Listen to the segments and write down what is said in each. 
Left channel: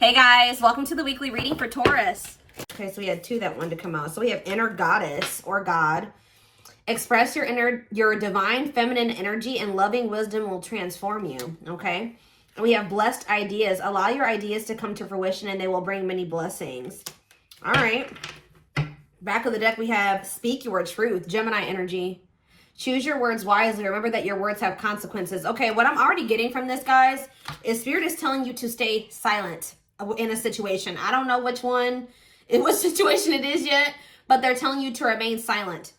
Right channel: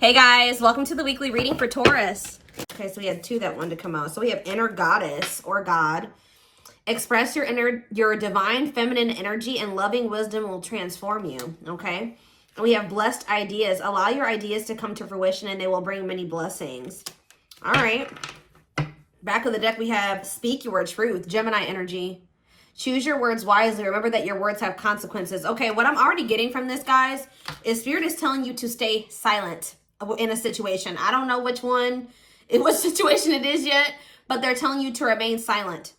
Hey guys, welcome to the weekly reading for Taurus. Okay, so we had two that wanted to come out. So we have inner goddess or God. Express your divine feminine energy and loving wisdom will transform you. Okay. And we have blessed ideas. Allow your ideas to come to fruition and they will bring many blessings. All right. Back of the deck, we have speak your truth, Gemini energy. Choose your words wisely. Remember that your words have consequences. Okay, what I'm already getting from this, guys, is Spirit is telling you to stay silent in a situation. I don't know which one, in what situation it is yet, but they're telling you to remain silent.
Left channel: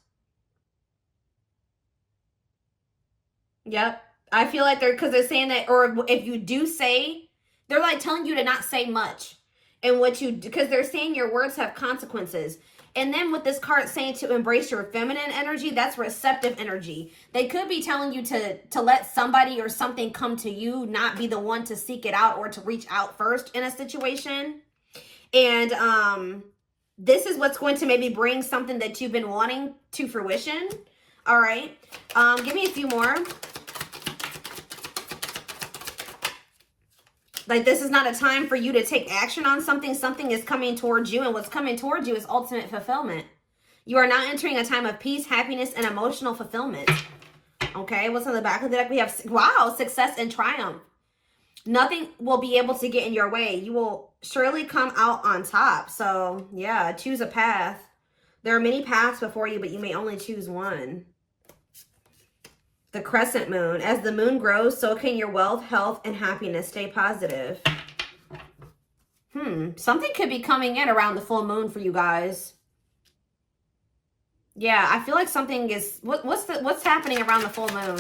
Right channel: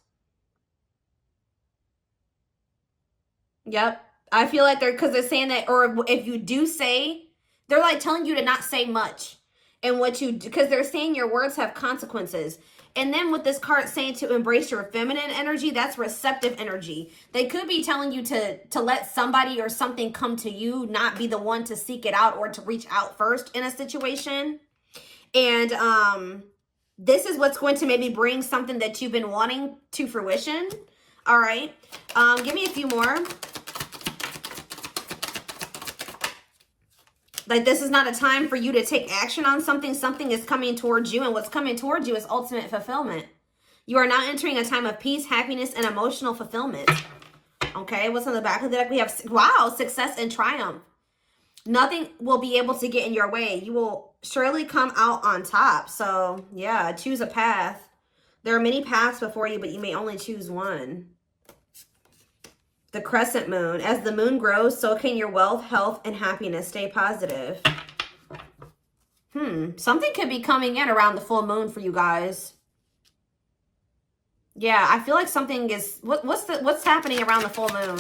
Yep. I feel like because they're saying that, or if you do say, they're like telling you to not say much. And because they're saying your words have consequences. And then with this card saying to embrace your feminine energy, that's receptive energy. They could be telling you to let somebody or something come to you, not be the one to seek it out or to reach out first in a situation. And this is what's going to maybe bring something that you've been wanting to fruition. All right. Give me a few more. Like, this is not a time for you to take action on something. Something is coming towards you, and what's coming towards you is ultimate fulfillment. You are now entering a time of peace, happiness, and emotional fulfillment. Okay, what's on the back of the deck? We have, wow, success and triumph. Nothing will be able to get in your way. You will surely come out on top. So, yeah, choose a path. There are many paths before you, but you may only choose one. The crescent moon. As the moon grows, so can your wealth, health, and happiness. Stay positive. Something could be coming in around the full moon for you guys. Yeah, I feel like something is... What's happening around the full moon?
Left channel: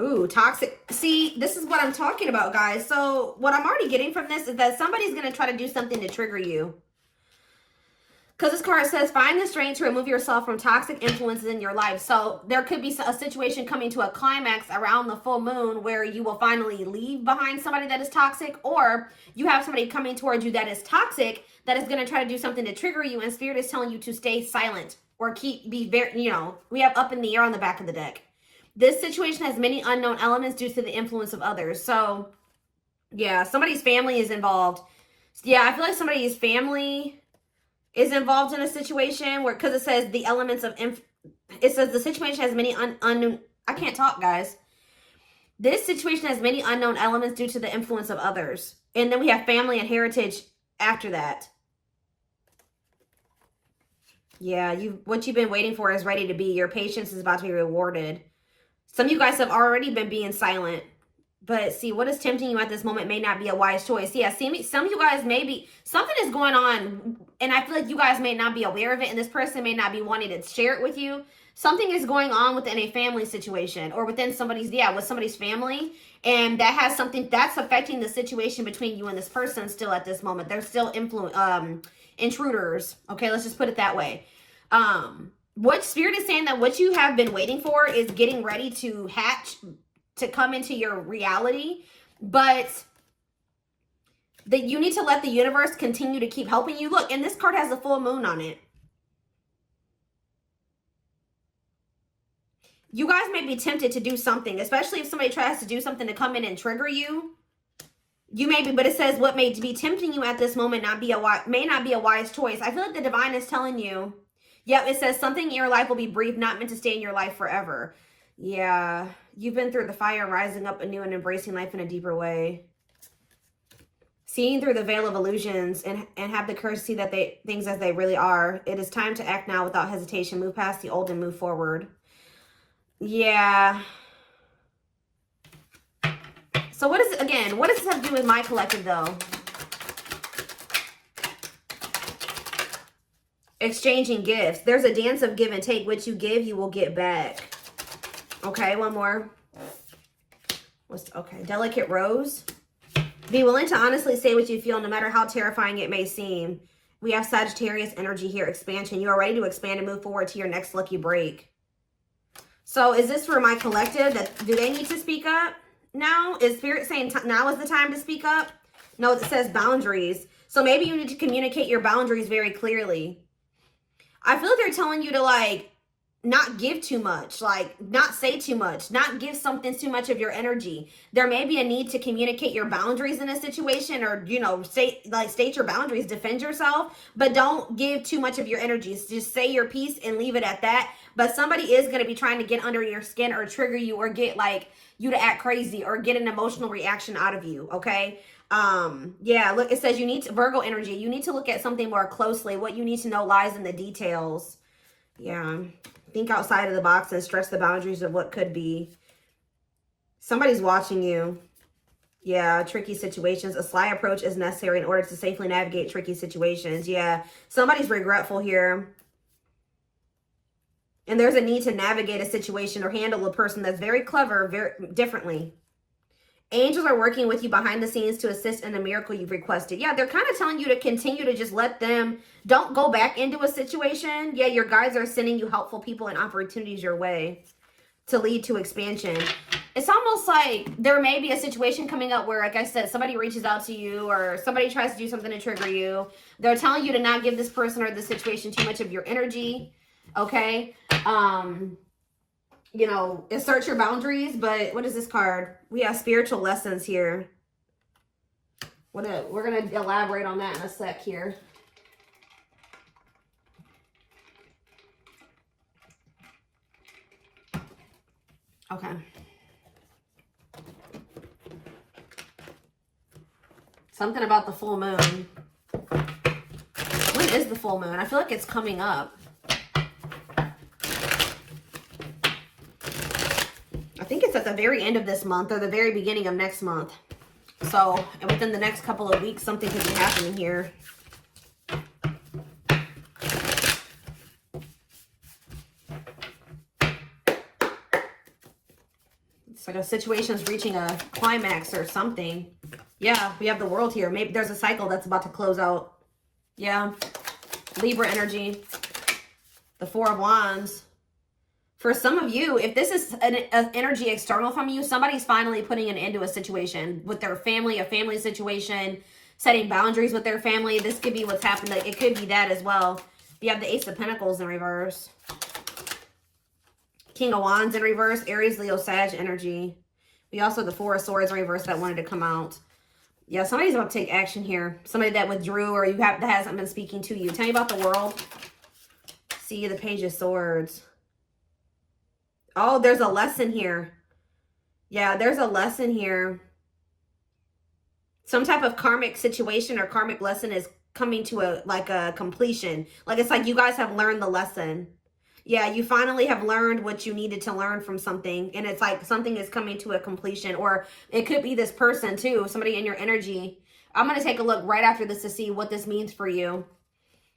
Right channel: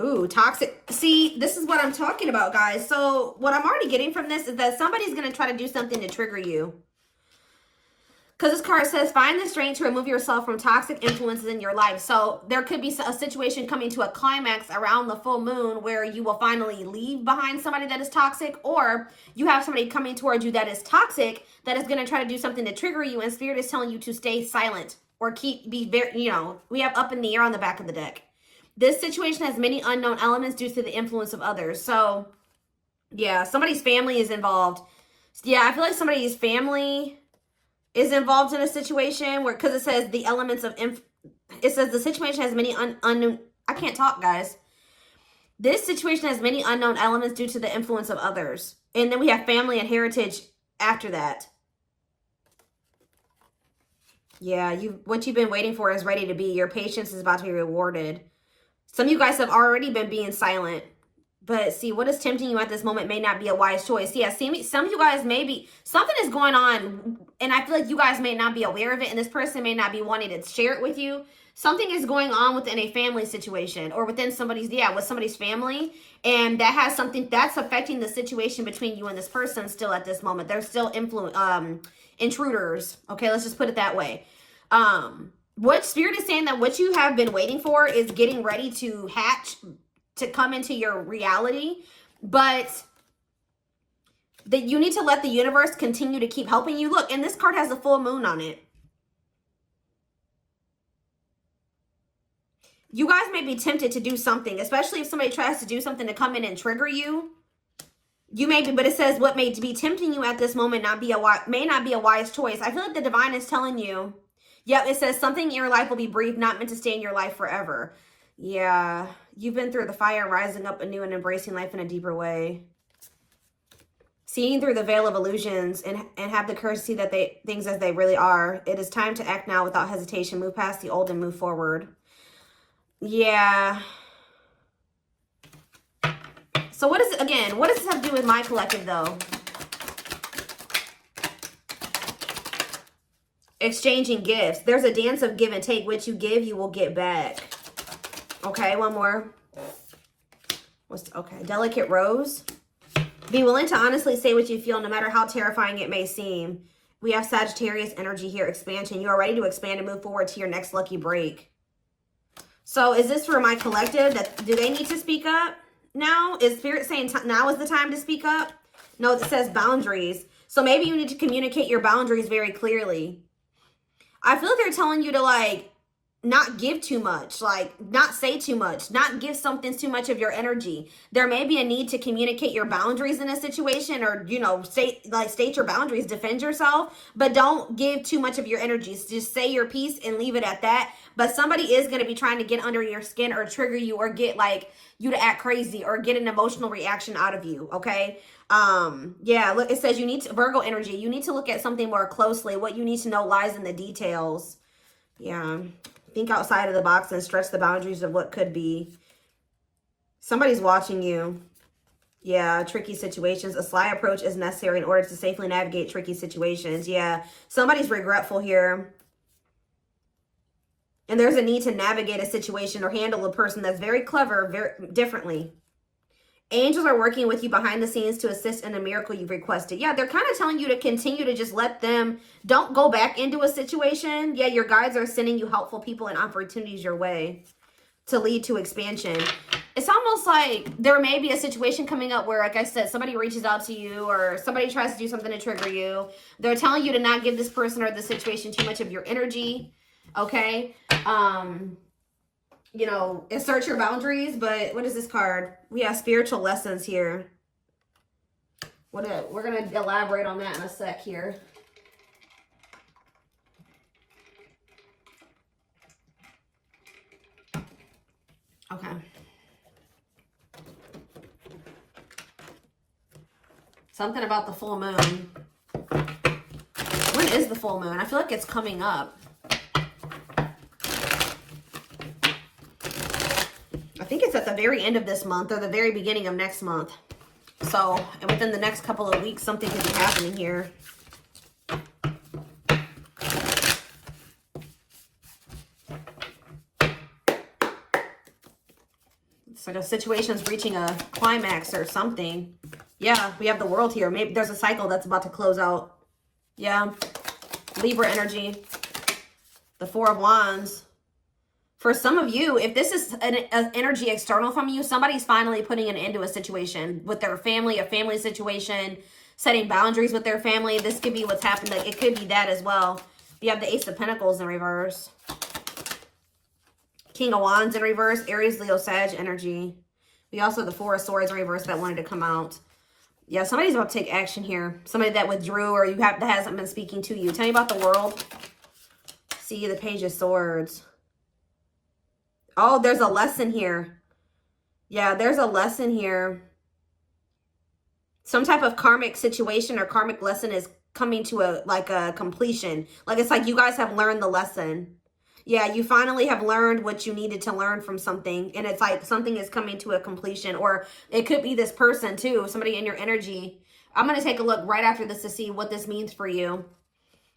Ooh, toxic. See, this is what I'm talking about, guys. So what I'm already getting from this is that somebody's going to try to do something to trigger you. Because this card says, find the strength to remove yourself from toxic influences in your life. So there could be a situation coming to a climax around the full moon where you will finally leave behind somebody that is toxic, or you have somebody coming towards you that is toxic that is going to try to do something to trigger you, and Spirit is telling you to stay silent or be very, we have up in the air on the back of the deck. This situation has many unknown elements due to the influence of others. So, yeah, somebody's family is involved. Yeah, I feel like somebody's family is involved in a situation where, because it says the elements of, it says the situation has many unknown, I can't talk, guys. This situation has many unknown elements due to the influence of others. And then we have family and heritage after that. Yeah, what you've been waiting for is ready to be. Your patience is about to be rewarded. Some of you guys have already been being silent. But see, what is tempting you at this moment may not be a wise choice. Yeah, see, some of you guys may be, something is going on, and I feel like you guys may not be aware of it, and this person may not be wanting to share it with you. Something is going on within a family situation, or within somebody's, with somebody's family, and that has something that's affecting the situation between you and this person still at this moment. They're still intruders. Okay, let's just put it that way. What Spirit is saying that what you have been waiting for is getting ready to hatch, to come into your reality, but that you need to let the universe continue to keep helping you. Look, and this card has the full moon on it. You guys may be tempted to do something, especially if somebody tries to do something to come in and trigger you. You may be, but it says what may be tempting you at this moment may not be a wise choice. I feel like the divine is telling you, yep, it says something in your life will be brief, not meant to stay in your life forever. Yeah, you've been through the fire, rising up anew and embracing life in a deeper way. Seeing through the veil of illusions and have the courage to see that things as they really are. It is time to act now without hesitation. Move past the old and move forward. Yeah. So what is it, again, what does this have to do with my collective, though? Exchanging gifts. There's a dance of give and take. What you give, you will get back. Okay, one more. Okay, delicate rose. Be willing to honestly say what you feel, no matter how terrifying it may seem. We have Sagittarius energy here, expansion. You are ready to expand and move forward to your next lucky break. So is this for my collective? Do they need to speak up now? Is Spirit saying now is the time to speak up? No, it says boundaries. So maybe you need to communicate your boundaries very clearly. I feel like they're telling you to, like, not give too much, like not say too much, not give something too much of your energy. There may be a need to communicate your boundaries in a situation, or, you know, state your boundaries, defend yourself, but don't give too much of your energies. Just say your piece and leave it at that. But somebody is going to be trying to get under your skin or trigger you or get like you to act crazy or get an emotional reaction out of you. Okay. Yeah, look, it says you need to, Virgo energy, you need to look at something more closely. What you need to know lies in the details. Yeah. Think outside of the box and stretch the boundaries of what could be. Somebody's watching you. Yeah, tricky situations. A sly approach is necessary in order to safely navigate tricky situations. Yeah, somebody's regretful here. And there's a need to navigate a situation or handle a person that's very clever, very differently. Angels are working with you behind the scenes to assist in the miracle you've requested. Yeah, they're kind of telling you to continue to just let them, don't go back into a situation. Yeah, your guides are sending you helpful people and opportunities your way to lead to expansion. It's almost like there may be a situation coming up where, like I said, somebody reaches out to you or somebody tries to do something to trigger you. They're telling you to not give this person or this situation too much of your energy. Okay. You know, assert your boundaries, but what is this card? We have spiritual lessons here. We're going to elaborate on that in a sec here. Okay. Something about the full moon. When is the full moon? I feel like it's coming up. I think it's at the very end of this month or the very beginning of next month. So within the next couple of weeks, something could be happening here. It's like a situation's reaching a climax or something. Yeah, we have the world here. Maybe there's a cycle that's about to close out. Yeah. Libra energy. The Four of Wands. For some of you, if this is an energy external from you, somebody's finally putting an end to a situation with their family, a family situation, setting boundaries with their family. This could be what's happened. Like, it could be that as well. You have the Ace of Pentacles in reverse. King of Wands in reverse. Aries, Leo, Sag energy. We also have the Four of Swords in reverse that wanted to come out. Yeah, somebody's about to take action here. Somebody that withdrew or that hasn't been speaking to you. Tell me about the world. See the Page of Swords. Oh, there's a lesson here. Yeah, there's a lesson here. Some type of karmic situation or karmic lesson is coming to a completion. Like, it's like you guys have learned the lesson. Yeah, you finally have learned what you needed to learn from something. And it's like something is coming to a completion. Or it could be this person too, somebody in your energy. I'm going to take a look right after this to see what this means for you.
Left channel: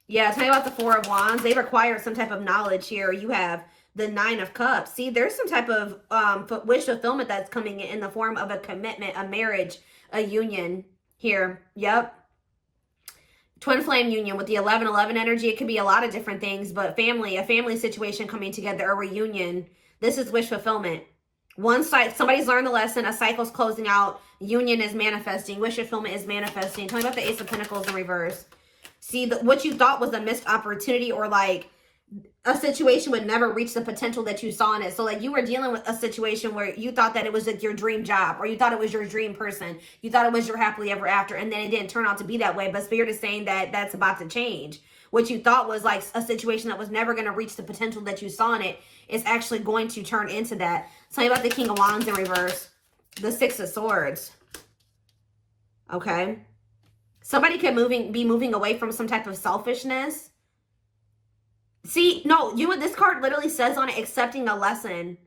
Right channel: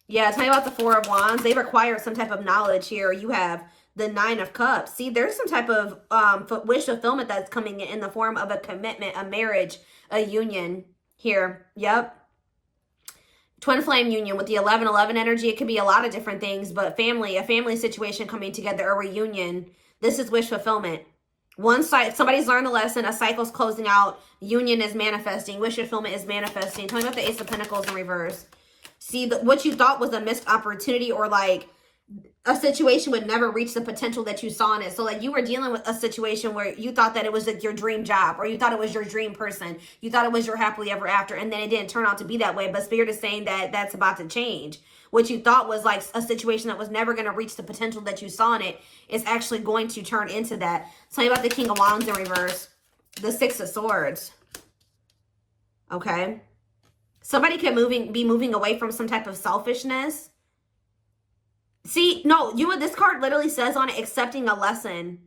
Yeah, tell me about the Four of Wands. They require some type of knowledge here. You have the Nine of Cups. See, there's some type of wish fulfillment that's coming in the form of a commitment, a marriage, a union here. Yep. Twin flame union with the 11-11 energy. It could be a lot of different things, but family, a family situation coming together, a reunion. This is wish fulfillment. One side, somebody's learned the lesson. A cycle's closing out. Union is manifesting. Wish fulfillment is manifesting. Tell me about the Ace of Pentacles in reverse. See, what you thought was a missed opportunity or like a situation would never reach the potential that you saw in it. So like you were dealing with a situation where you thought that it was like your dream job, or you thought it was your dream person. You thought it was your happily ever after, and then it didn't turn out to be that way. But Spirit is saying that that's about to change. What you thought was like a situation that was never going to reach the potential that you saw in it is actually going to turn into that. Tell me about the King of Wands in reverse. The Six of Swords. Okay. Somebody can be moving away from some type of selfishness. See, no, this card literally says on it, accepting a lesson.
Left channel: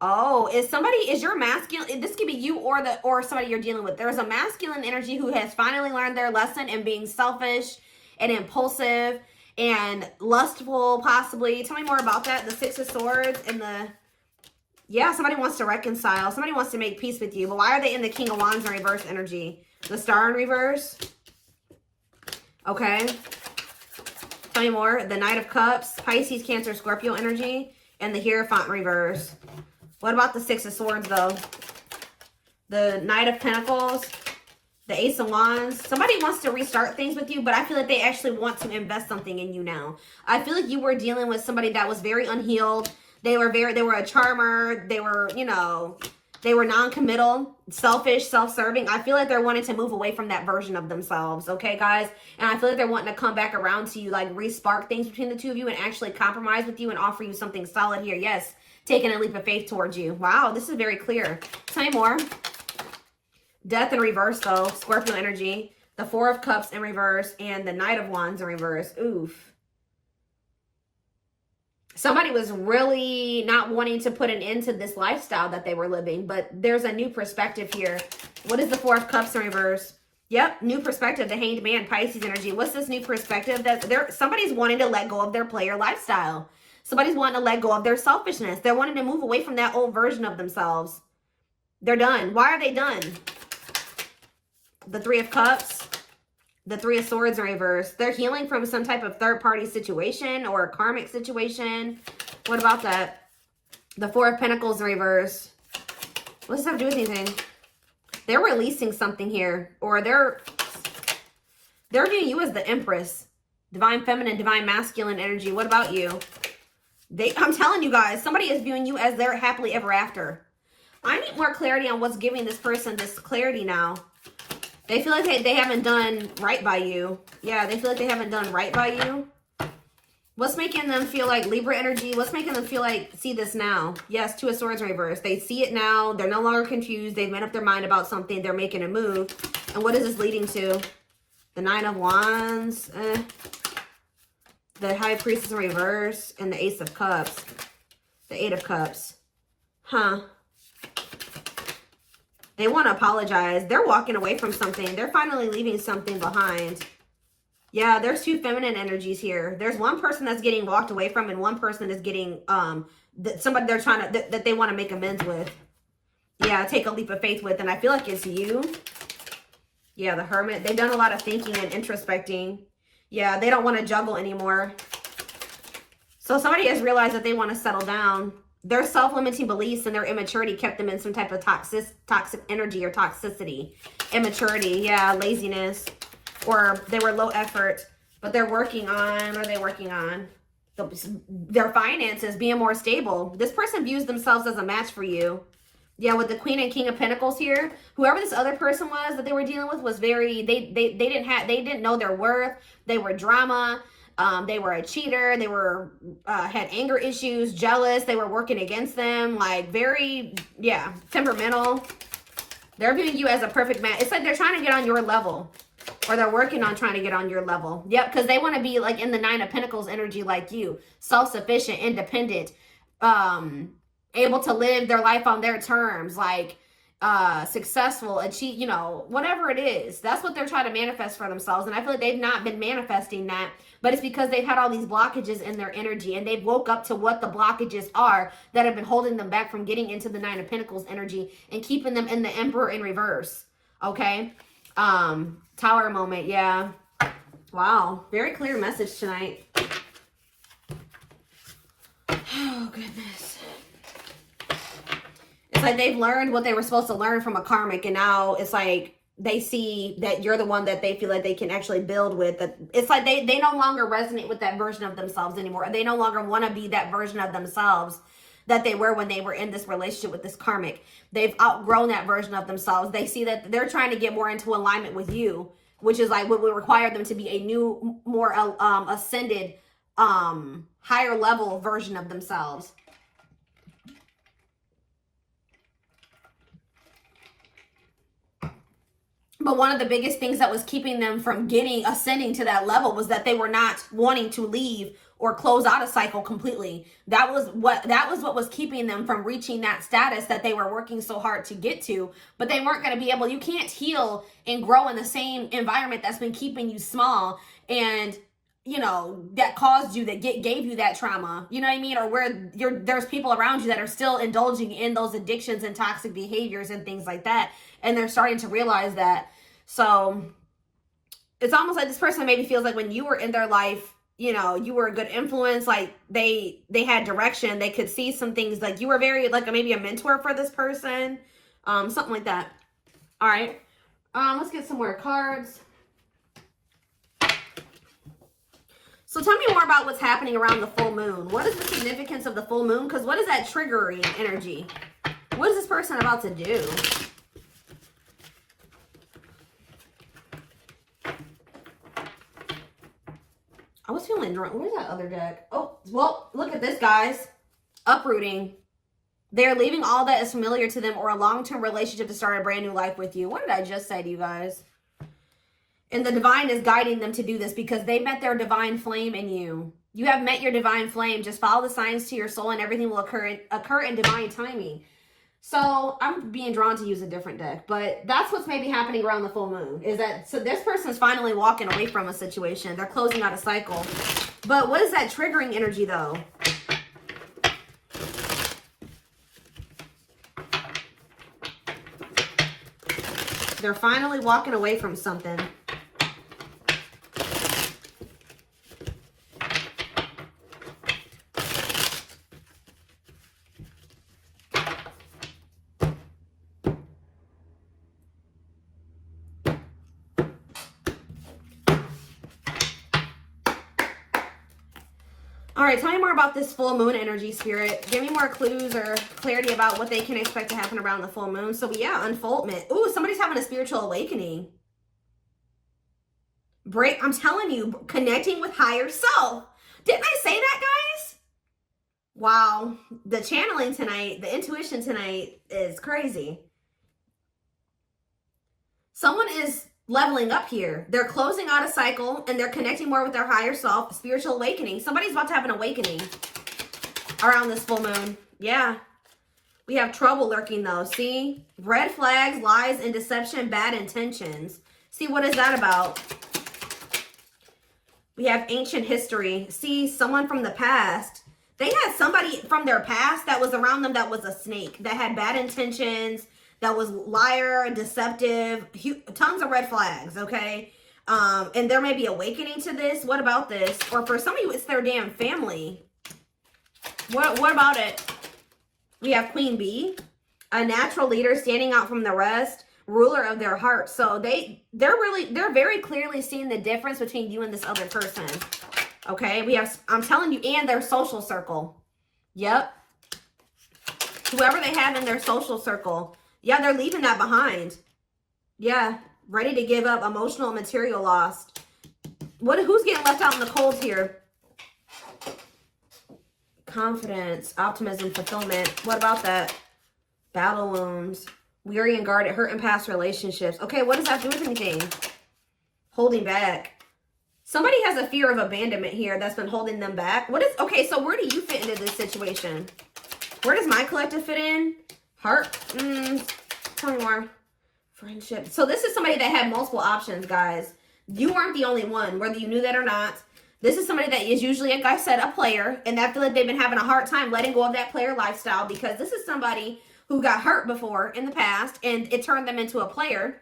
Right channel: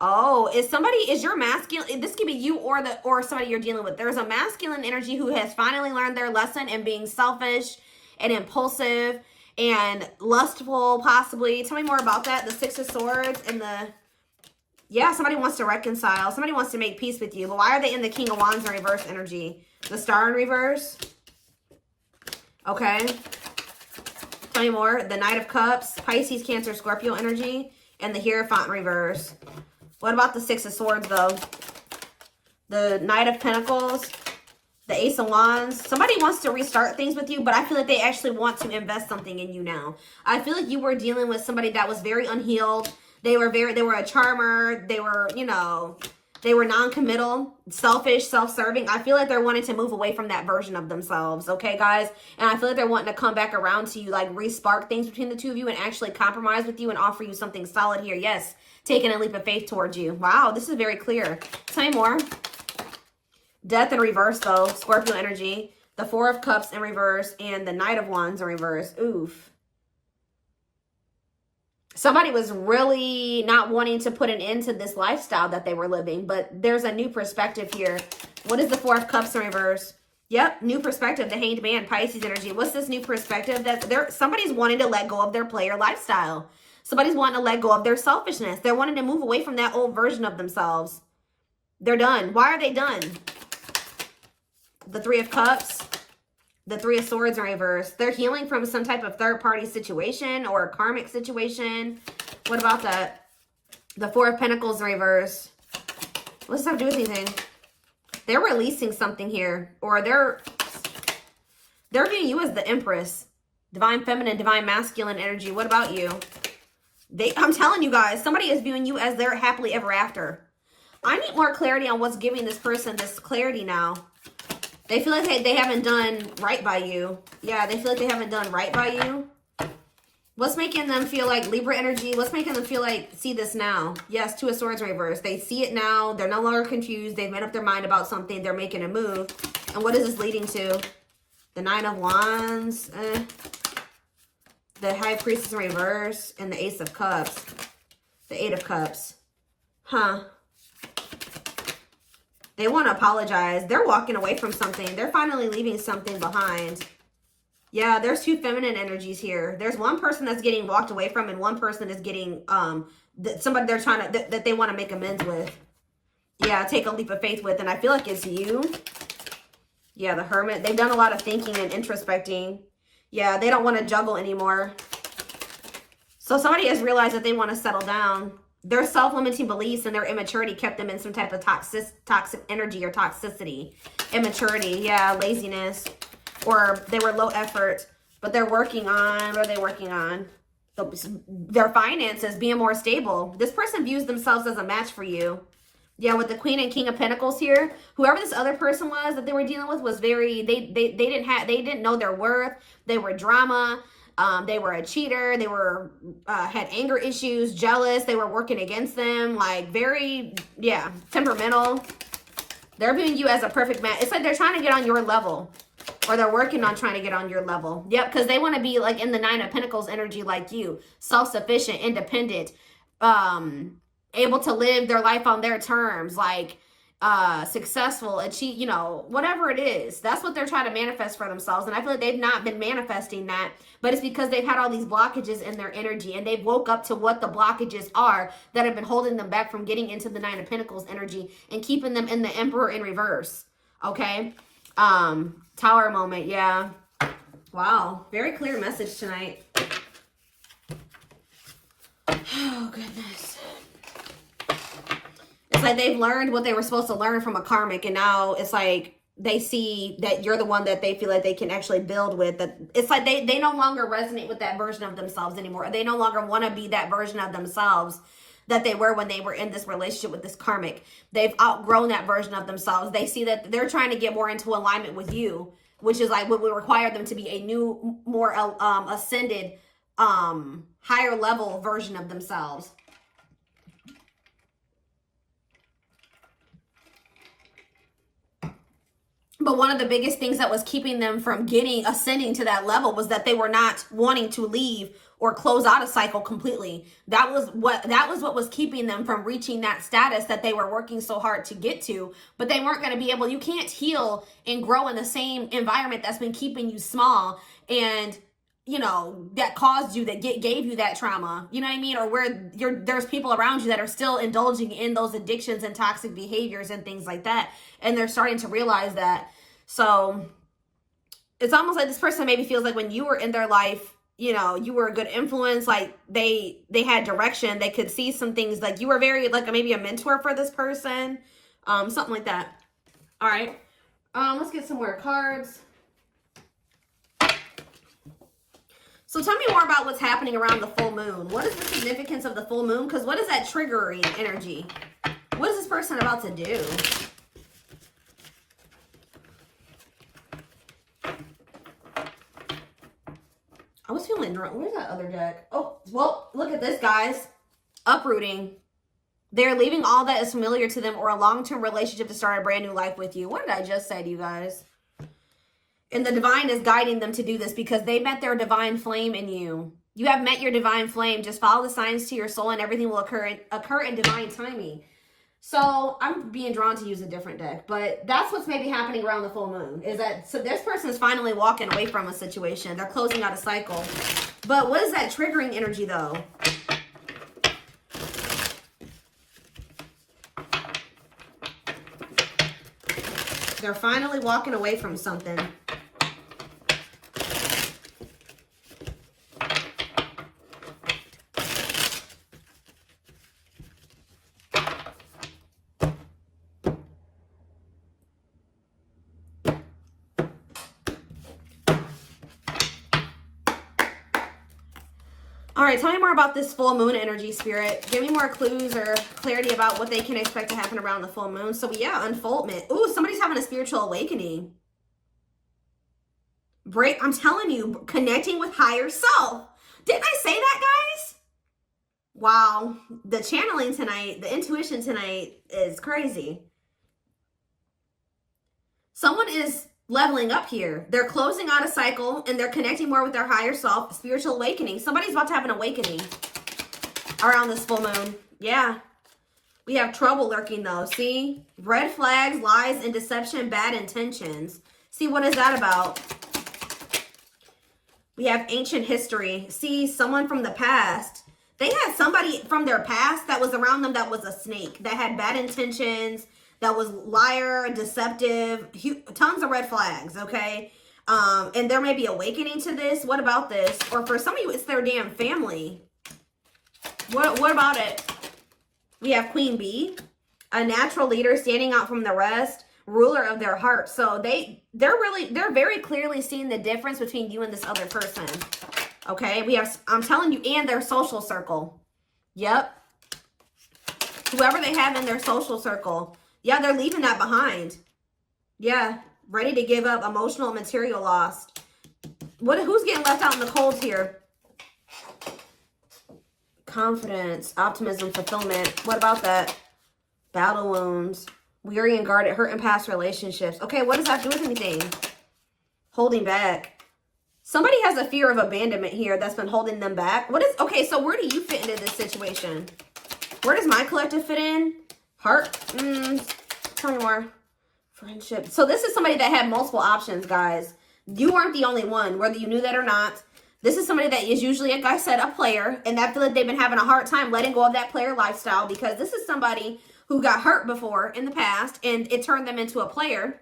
Oh, is your masculine, this could be you or somebody you're dealing with. There's a masculine energy who has finally learned their lesson and being selfish and impulsive and lustful, possibly. Tell me more about that. The Six of Swords and yeah, somebody wants to reconcile. Somebody wants to make peace with you. But why are they in the King of Wands in reverse energy? The Star in reverse. Okay. Tell me more. The Knight of Cups, Pisces, Cancer, Scorpio energy, and the Hierophant reverse. What about the Six of Swords, though? The Knight of Pentacles, the Ace of Wands. Somebody wants to restart things with you, but I feel like they actually want to invest something in you now. I feel like you were dealing with somebody that was very unhealed, They were a charmer. They were, you know, they were non-committal, selfish, self-serving. I feel like they're wanting to move away from that version of themselves, okay, guys? And I feel like they're wanting to come back around to you, like re-spark things between the two of you and actually compromise with you and offer you something solid here. Yes, taking a leap of faith towards you. Wow, this is very clear. Tell me more. Death in reverse, though. Scorpio energy. The Four of Cups in reverse and the Knight of Wands in reverse. Oof. Somebody was really not wanting to put an end to this lifestyle that they were living, but there's a new perspective here. What is the Four of Cups in reverse? Yep, new perspective. The Hanged Man, Pisces energy. What's this new perspective? That somebody's wanting to let go of their player lifestyle. Somebody's wanting to let go of their selfishness. They're wanting to move away from that old version of themselves. They're done. Why are they done? The Three of Cups, the Three of Swords in reverse. They're healing from some type of third-party situation or a karmic situation. What about that? The Four of Pentacles in reverse. What does that have to do with anything? They're releasing something here, or they're viewing you as the Empress. Divine Feminine, Divine Masculine energy. What about you? I'm telling you guys, somebody is viewing you as their happily ever after. I need more clarity on what's giving this person this clarity now. They feel like they haven't done right by you. Yeah, they feel like they haven't done right by you. What's making them feel like Libra energy? What's making them feel like, see this now? Yes, Two of Swords reverse. They see it now. They're no longer confused. They've made up their mind about something. They're making a move. And what is this leading to? The Nine of Wands. The High Priestess reverse. And the Ace of Cups. The Eight of Cups. Huh. They want to apologize. They're walking away from something. They're finally leaving something behind. Yeah, there's two feminine energies here. There's one person that's getting walked away from and one person is getting, somebody they're trying to, that they want to make amends with. Yeah, take a leap of faith with. And I feel like it's you. Yeah, the Hermit. They've done a lot of thinking and introspecting. Yeah, they don't want to juggle anymore. So somebody has realized that they want to settle down. Their self-limiting beliefs and their immaturity kept them in some type of toxic energy or toxicity. Immaturity, yeah, laziness. Or they were low effort, but they're working on, what are they working on? Their finances, being more stable. This person views themselves as a match for you. Yeah, with the Queen and King of Pentacles here, whoever this other person was that they were dealing with was very, they didn't know their worth. They were drama. They were a cheater. They were, had anger issues, jealous. They were working against them. Like very, yeah, temperamental. They're viewing you as a perfect match. It's like they're trying to get on your level. Or they're working on trying to get on your level. Yep, because they want to be like in the Nine of Pentacles energy like you. Self-sufficient, independent. Able to live their life on their terms. Like, successful, achieve, you know, whatever it is. That's what they're trying to manifest for themselves. And I feel like they've not been manifesting that. But it's because they've had all these blockages in their energy. And they've woke up to what the blockages are that have been holding them back from getting into the Nine of Pentacles energy. And keeping them in the Emperor in reverse. Okay? Tower moment, yeah. Wow, very clear message tonight. Oh, goodness. It's like they've learned what they were supposed to learn from a karmic, and now it's like they see that you're the one that they feel like they can actually build with. That it's like they no longer resonate with that version of themselves anymore. They no longer want to be that version of themselves that they were when they were in this relationship with this karmic. They've outgrown that version of themselves. They see that they're trying to get more into alignment with you, which is like what would require them to be a new, more ascended, higher level version of themselves. But one of the biggest things that was keeping them from ascending to that level was that they were not wanting to leave or close out a cycle completely. That was what was keeping them from reaching that status that they were working so hard to get to. But they weren't going to be able, you can't heal and grow in the same environment that's been keeping you small and, you know, that caused you, that gave you that trauma. You know what I mean? Or where there's people around you that are still indulging in those addictions and toxic behaviors and things like that. And they're starting to realize that. So it's almost like this person maybe feels like when you were in their life, you know, you were a good influence, like they had direction, they could see some things, like you were very, like maybe a mentor for this person, something like that. All right, let's get some more cards. So tell me more about what's happening around the full moon. What is the significance of the full moon? Because what is that triggering energy? What is this person about to do? I was feeling drunk. Where's that other deck? Oh, well, look at this, guys. Uprooting. They're leaving all that is familiar to them or a long-term relationship to start a brand new life with you. What did I just say to you guys? And the divine is guiding them to do this because they met their divine flame in you. You have met your divine flame. Just follow the signs to your soul and everything will occur in divine timing. So I'm being drawn to use a different deck, but that's what's maybe happening around the full moon is that, so this person is finally walking away from a situation. They're closing out a cycle. But what is that triggering energy though? They're finally walking away from something. All right, tell me more about this full moon energy, Spirit. Give me more clues or clarity about what they can expect to happen around the full moon. So yeah, unfoldment. Ooh, somebody's having a spiritual awakening. I'm telling you, connecting with higher self. Didn't I say that, guys? Wow, the channeling tonight, the intuition tonight is crazy. Someone is leveling up here. They're closing out a cycle and they're connecting more with their higher self, spiritual awakening. Somebody's about to have an awakening around this full moon. Yeah. We have trouble lurking though. See? Red flags, lies, and deception, bad intentions. See, what is that about? We have ancient history. See, someone from the past. They had somebody from their past that was around them that was a snake, that had bad intentions, that was liar, deceptive, tons of red flags, okay? And there may be awakening to this. What about this? Or for some of you, it's their damn family. What about it? We have Queen Bee, a natural leader standing out from the rest, ruler of their heart. So they're very clearly seeing the difference between you and this other person. Okay, we have, I'm telling you, and their social circle. Yep. Whoever they have in their social circle. Yeah, they're leaving that behind. Yeah, ready to give up, emotional and material lost. Who's getting left out in the cold here? Confidence, optimism, fulfillment. What about that? Battle wounds, weary and guarded, hurt in past relationships. Okay, what does that do with anything? Holding back. Somebody has a fear of abandonment here that's been holding them back. Okay, so where do you fit into this situation? Where does my collective fit in? Heart? Tell me more. Friendship. So this is somebody that had multiple options, guys. You weren't the only one, whether you knew that or not. This is somebody that is usually, like I said, a player. And I feel like they've been having a hard time letting go of that player lifestyle because this is somebody who got hurt before in the past and it turned them into a player,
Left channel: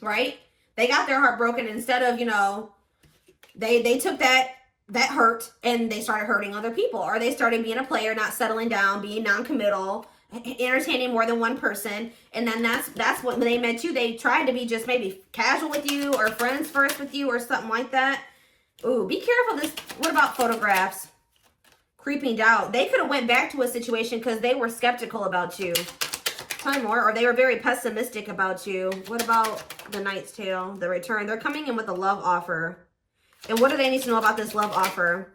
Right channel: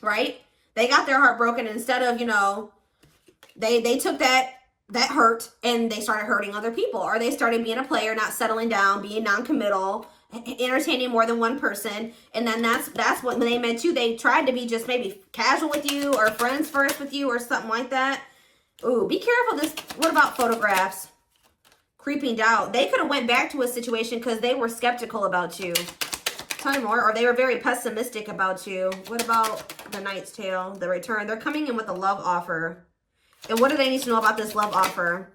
right? They got their heart broken and instead of, you know, they took that hurt and they started hurting other people, or they started being a player, not settling down, being non-committal, entertaining more than one person. And then that's what, when they met you, they tried to be just maybe casual with you or friends first with you or something like that. Ooh, be careful. What about photographs? Creeping doubt. They could have went back to a situation because they were skeptical about you. Tell me more. Or they were very pessimistic about you. What about the Knight's Tale, the return? They're coming in with a love offer. And what do they need to know about this love offer?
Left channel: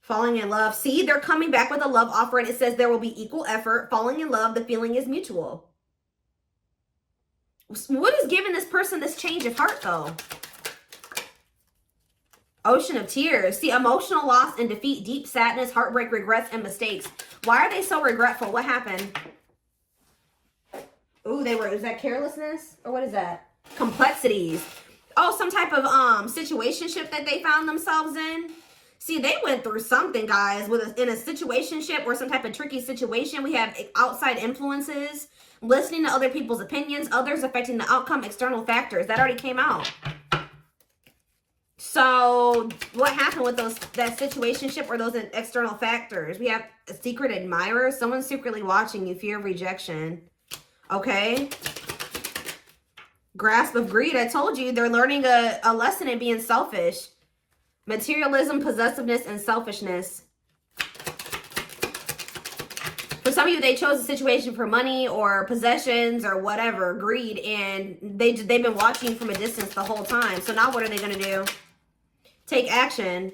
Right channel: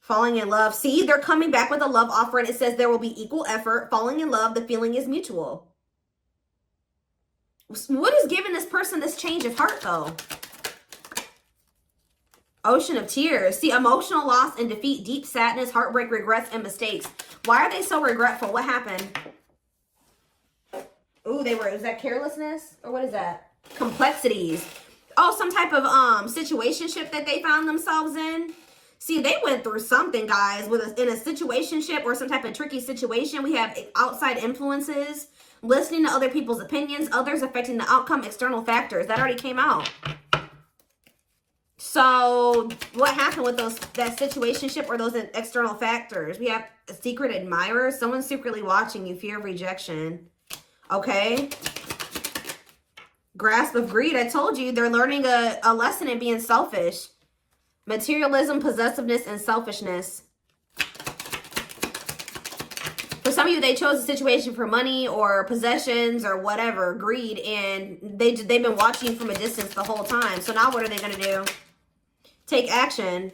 Falling in love. See, they're coming back with a love offer and it says there will be equal effort. Falling in love, the feeling is mutual. What is giving this person this change of heart though? Ocean of tears. See, emotional loss and defeat, deep sadness, heartbreak, regrets, and mistakes. Why are they so regretful? What happened? Ooh, is that carelessness? Or what is that? Complexities. Oh, some type of situationship that they found themselves in. See, they went through something, guys, in a situationship or some type of tricky situation. We have outside influences, listening to other people's opinions, others affecting the outcome, external factors. That already came out. So what happened with that situationship or those external factors? We have a secret admirer, someone secretly watching you, fear of rejection. Okay. Grasp of greed. I told you they're learning a lesson in being selfish. Materialism, possessiveness, and selfishness. For some of you, they chose a situation for money or possessions or whatever, greed, and they've been watching you from a distance the whole time. So now what are they going to do? Take action.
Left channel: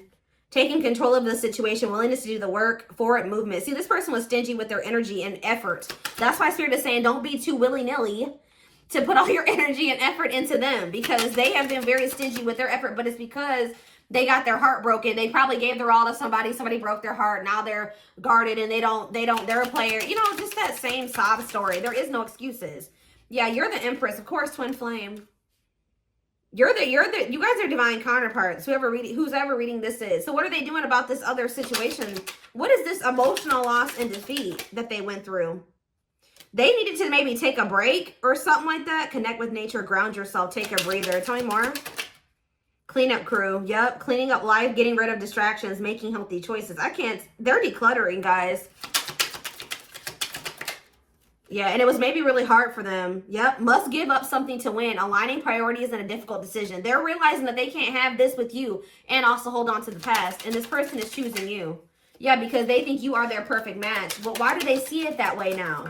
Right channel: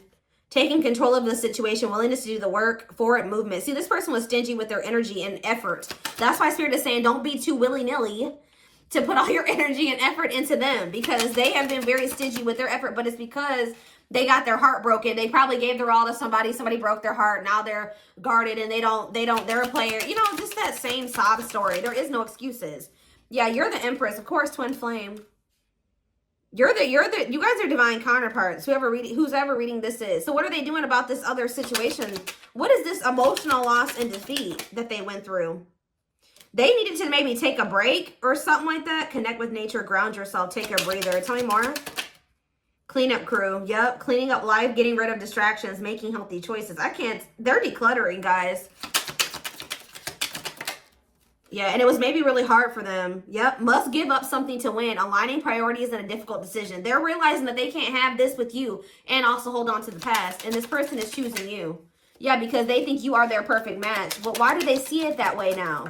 Taking control of the situation, willingness to do the work, forward movement. See, this person was stingy with their energy and effort. That's why Spirit is saying don't be too willy-nilly to put all your energy and effort into them, because they have been very stingy with their effort, but it's because they got their heart broken. They probably gave their all to somebody. Somebody broke their heart. Now they're guarded and they're a player. You know, just that same sob story. There is no excuses. Yeah, you're the Empress. Of course, twin flame. You guys are divine counterparts, who's ever reading this is. So what are they doing about this other situation? What is this emotional loss and defeat that they went through? They needed to maybe take a break or something like that. Connect with nature, ground yourself, take a breather. Tell me more. Cleanup crew. Yep. Cleaning up life, getting rid of distractions, making healthy choices. They're decluttering, guys. Yeah, and it was maybe really hard for them. Yep. Must give up something to win. Aligning priorities in a difficult decision. They're realizing that they can't have this with you and also hold on to the past. And this person is choosing you. Yeah, because they think you are their perfect match. But why do they see it that way now?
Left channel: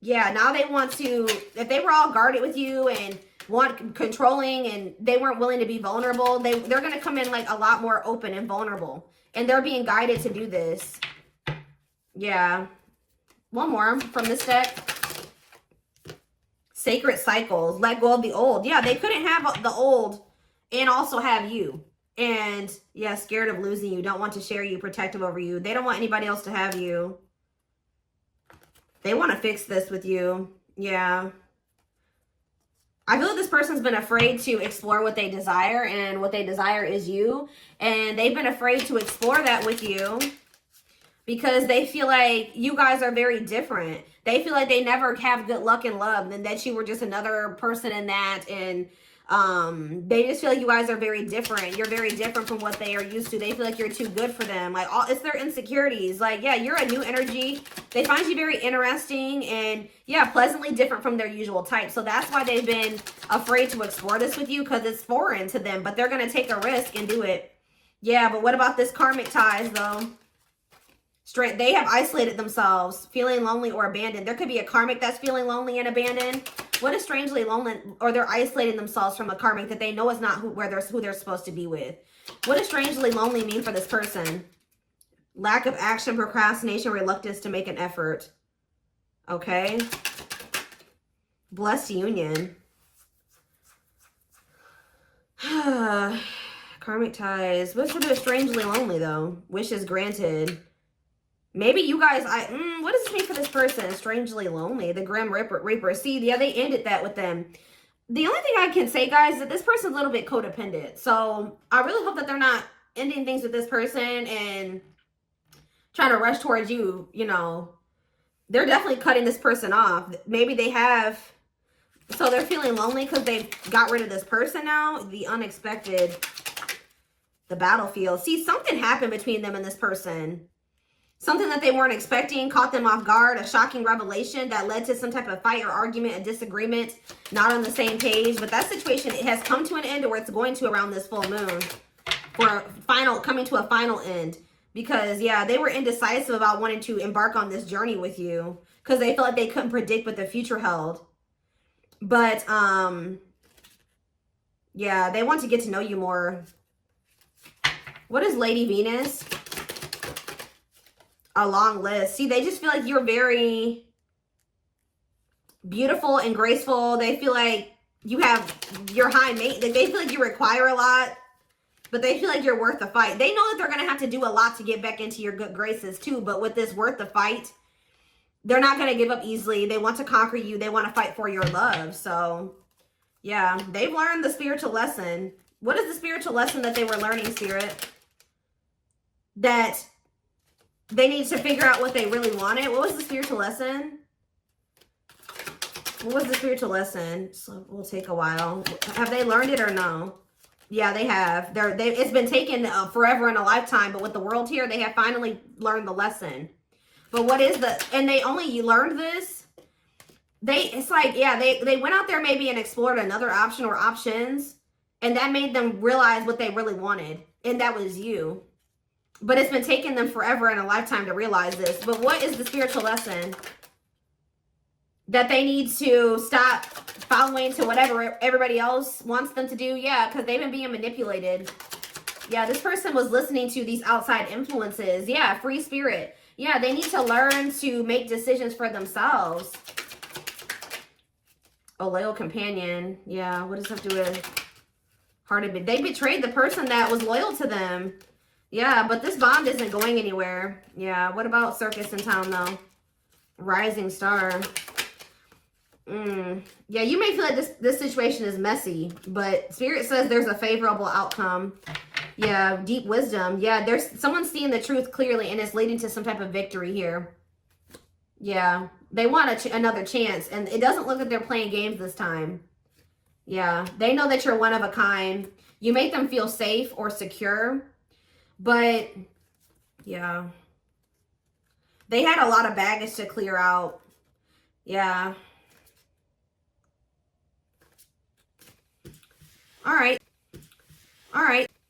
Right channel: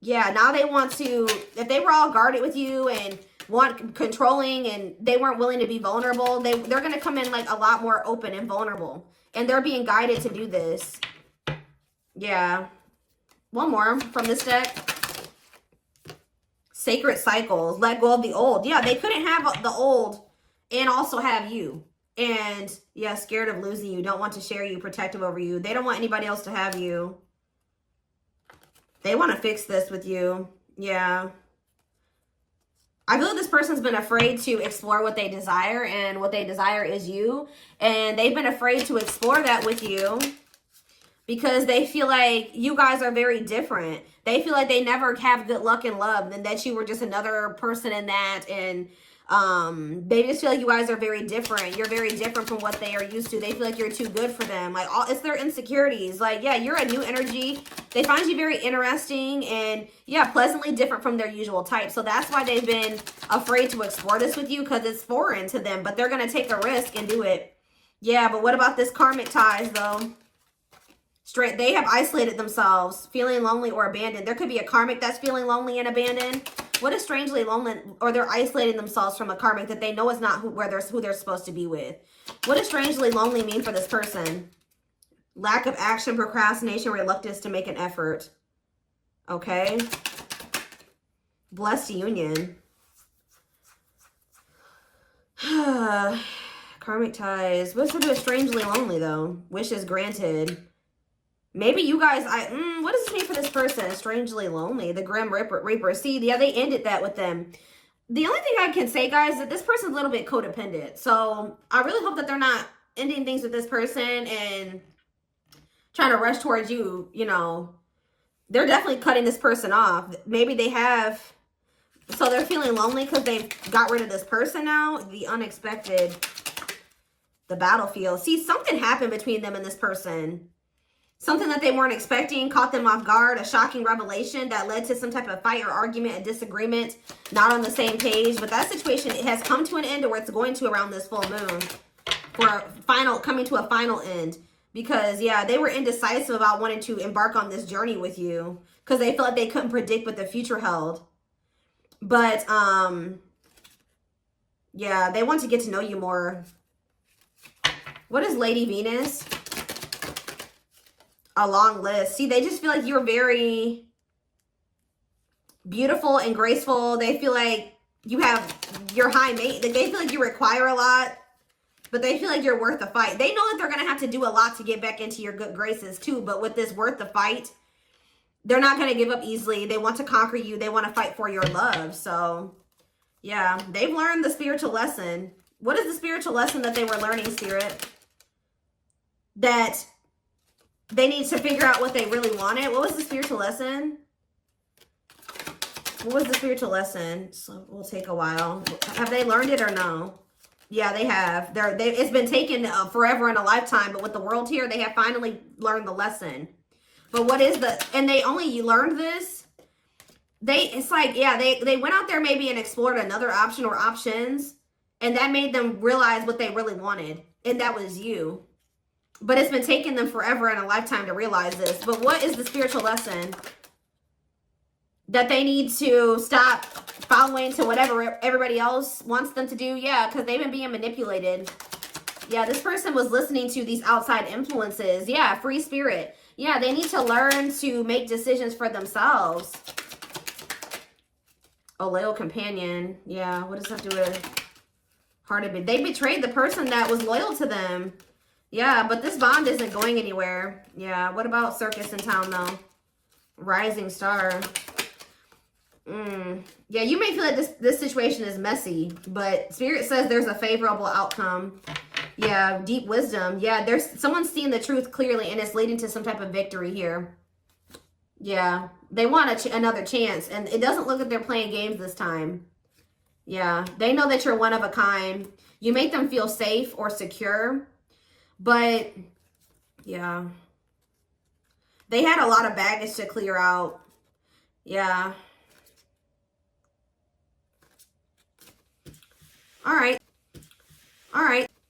Yeah, now they want to, if they were all guarded with you and want controlling and they weren't willing to be vulnerable, they're going to come in like a lot more open and vulnerable. And they're being guided to do this. Yeah. One more from this deck. Sacred cycles. Let go of the old. Yeah, they couldn't have the old and also have you. And yeah, scared of losing you. Don't want to share you, protective over you. They don't want anybody else to have you. They want to fix this with you. Yeah. I feel like this person's been afraid to explore what they desire, and what they desire is you. And they've been afraid to explore that with you because they feel like you guys are very different. They feel like they never have good luck in love, and that you were just another person in that. And they just feel like you guys are very different. You're very different from what they are used to. They feel like you're too good for them. Like, it's their insecurities. Like, yeah, you're a new energy. They find you very interesting and, yeah, pleasantly different from their usual type. So that's why they've been afraid to explore this with you, because it's foreign to them. But they're going to take the risk and do it. Yeah, but what about this karmic ties, though? They have isolated themselves, feeling lonely or abandoned. There could be a karmic that's feeling lonely and abandoned. What is strangely lonely, or they're isolating themselves from a karmic that they know is not who they're supposed to be with. What does strangely lonely mean for this person? Lack of action, procrastination, reluctance to make an effort. Okay. Blessed union. Karmic ties. What's with this strangely lonely, though? Wishes granted. Maybe you guys, what does this mean for this person? Strangely lonely. The Grim Reaper. See, yeah, they ended that with them. The only thing I can say, guys, is that this person's a little bit codependent. So I really hope that they're not ending things with this person and trying to rush towards you, you know. They're definitely cutting this person off. Maybe they have, so they're feeling lonely because they've got rid of this person now. The unexpected, the battlefield. See, something happened between them and this person. Something that they weren't expecting caught them off guard, a shocking revelation that led to some type of fight or argument, a disagreement, not on the same page. But that situation, it has come to an end, or it's going to around this full moon, for coming to a final end. Because, yeah, they were indecisive about wanting to embark on this journey with you because they felt like they couldn't predict what the future held. But, yeah, they want to get to know you more. What is Lady Venus? A long list. See, they just feel like you're very beautiful and graceful. They feel like you're high maintenance. They feel like you require a lot, but they feel like you're worth the fight. They know that they're going to have to do a lot to get back into your good graces too, but with this worth the fight, they're not going to give up easily. They want to conquer you. They want to fight for your love. So, yeah, they've learned the spiritual lesson. What is the spiritual lesson that they were learning, Spirit? That they need to figure out what they really wanted. What was the spiritual lesson? What was the spiritual lesson? So we'll take a while. Have they learned it or no? Yeah, they have. It's been taken forever and a lifetime, but with the world here, they have finally learned the lesson. But what is and you learned this? It's like, yeah, they went out there maybe and explored another option or options, and that made them realize what they really wanted. And that was you. But it's been taking them forever and a lifetime to realize this. But what is the spiritual lesson? That they need to stop following to whatever everybody else wants them to do? Yeah, because they've been being manipulated. Yeah, this person was listening to these outside influences. Yeah, free spirit. Yeah, they need to learn to make decisions for themselves. A loyal companion. Yeah, what does that do with hearted? They betrayed the person that was loyal to them. Yeah, but this bond isn't going anywhere. Yeah, what about circus in town, though? Rising star. Yeah, you may feel like this situation is messy, but Spirit says there's a favorable outcome. Yeah, deep wisdom. Yeah, there's someone seeing the truth clearly, and it's leading to some type of victory here. Yeah, they want another chance, and it doesn't look like they're playing games this time. Yeah, they know that you're one of a kind. You make them feel safe or secure, but yeah, they had a lot of baggage to clear out. Yeah. All right. All right.